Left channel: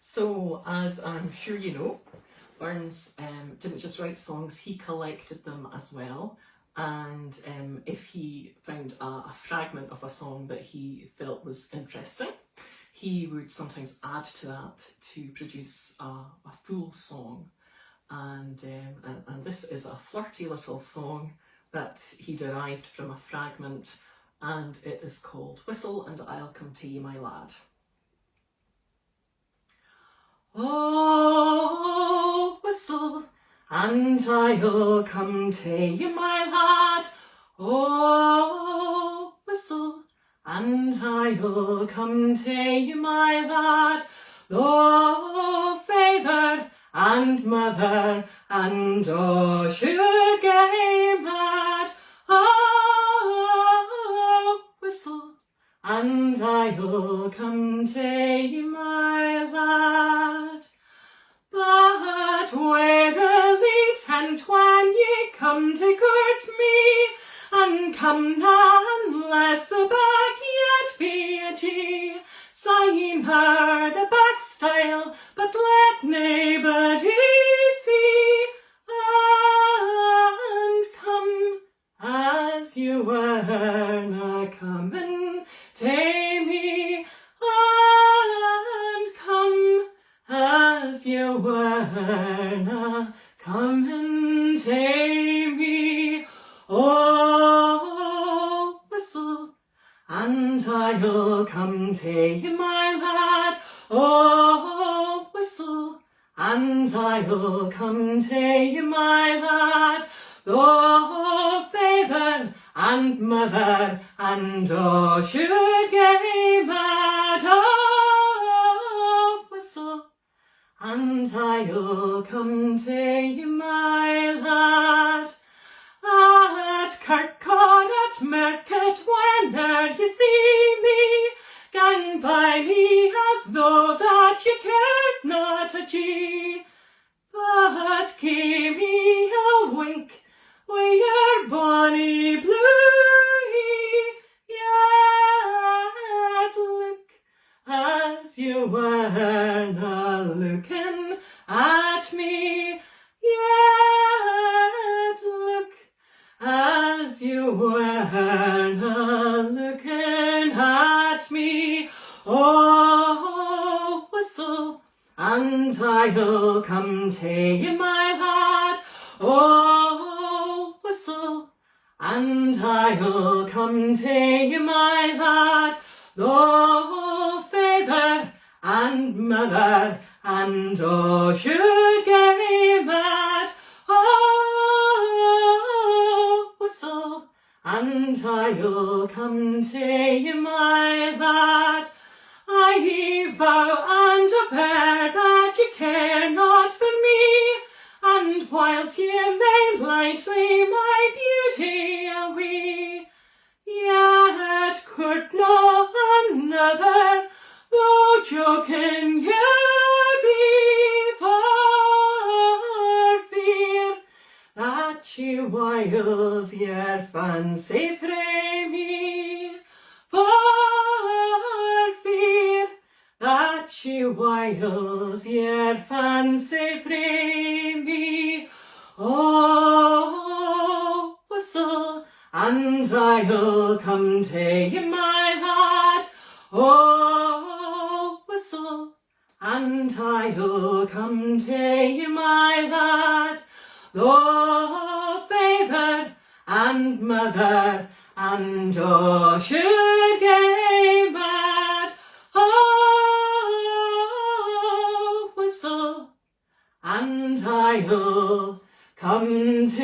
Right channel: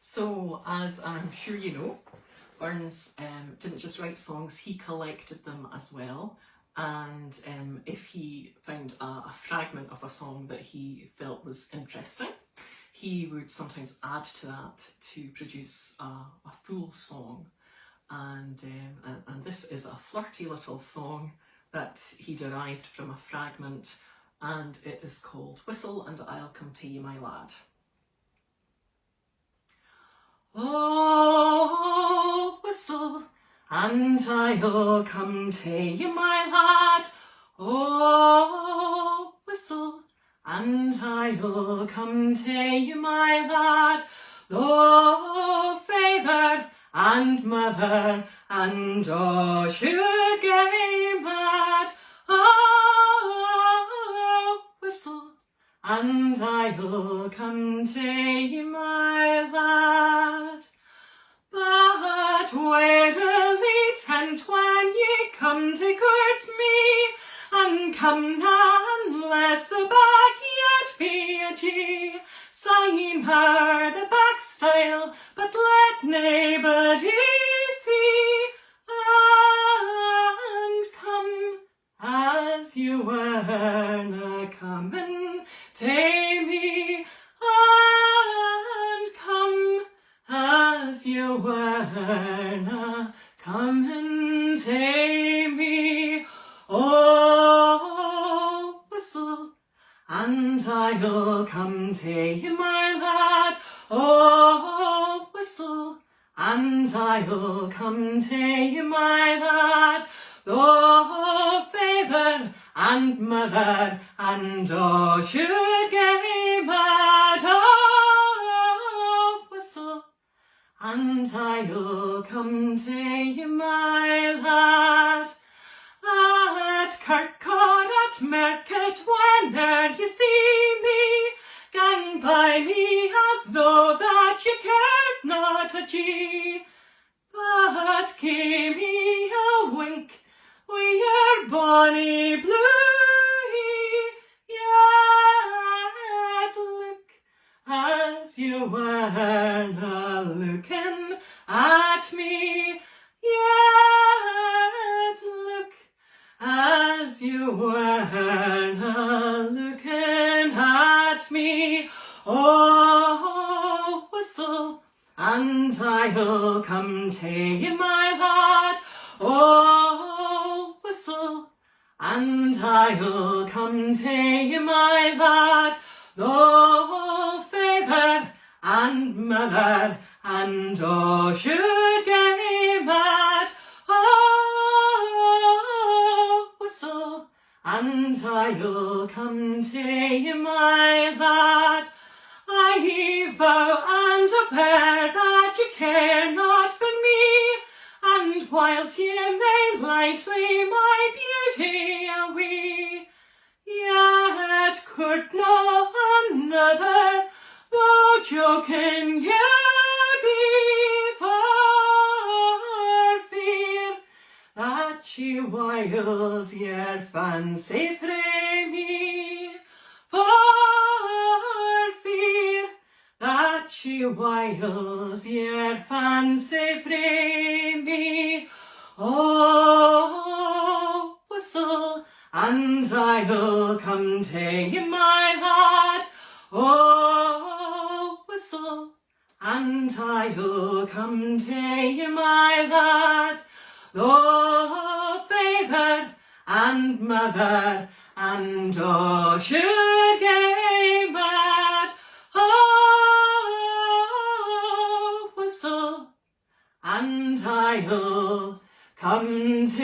So, as I'm sure you know, Burns didn't just write songs, he collected them as well. And if he found a fragment of a song that he felt was interesting, he would sometimes add to that to produce a full song. And this is a flirty little song that he derived from a fragment, and it is called Whistle and I'll Come to You, My Lad. Oh, whistle and I'll come to you, my lad. Oh, whistle and I'll come to you, my lad. Though father and mother and all should get mad. Oh, whistle and I'll come to you, my lad. But warily tent when ye come to court me, and come none unless the back yet be a G. Sign her the back style, but let naebody see. And come as you were na coming to me, and come as you were na coming to me. Oh, whistle and I'll come to you, my lad. Oh, whistle and I'll come to you, my lad. Though father and mother and all should get mad. Oh, whistle and I'll come to you, my lad. At Kirkcon, at Market, whene'er you see me, gang by me as though that you cared not a G. But give me a wink wi' your bonny bluey, yet look as you were na looking at me, yet look as you were na looking at me. Oh, whistle and I'll come to you, my lad. Oh, whistle and I'll come to you, my lad. Though father and mother and all should get mad. Oh, whistle and I'll come to you, my lad. I vow and aver that you care not for me, and whilst ye may lightly my beauty away, yet could no another, though joking ye be, for fear that she wiles your fancy frae me, for fear that she wiles your fancy frae me. Oh, whistle and I'll come to you, my lad. Oh, whistle and I'll come to you, my lad. Though father and mother and all should get mad. Oh, whistle and I'll come to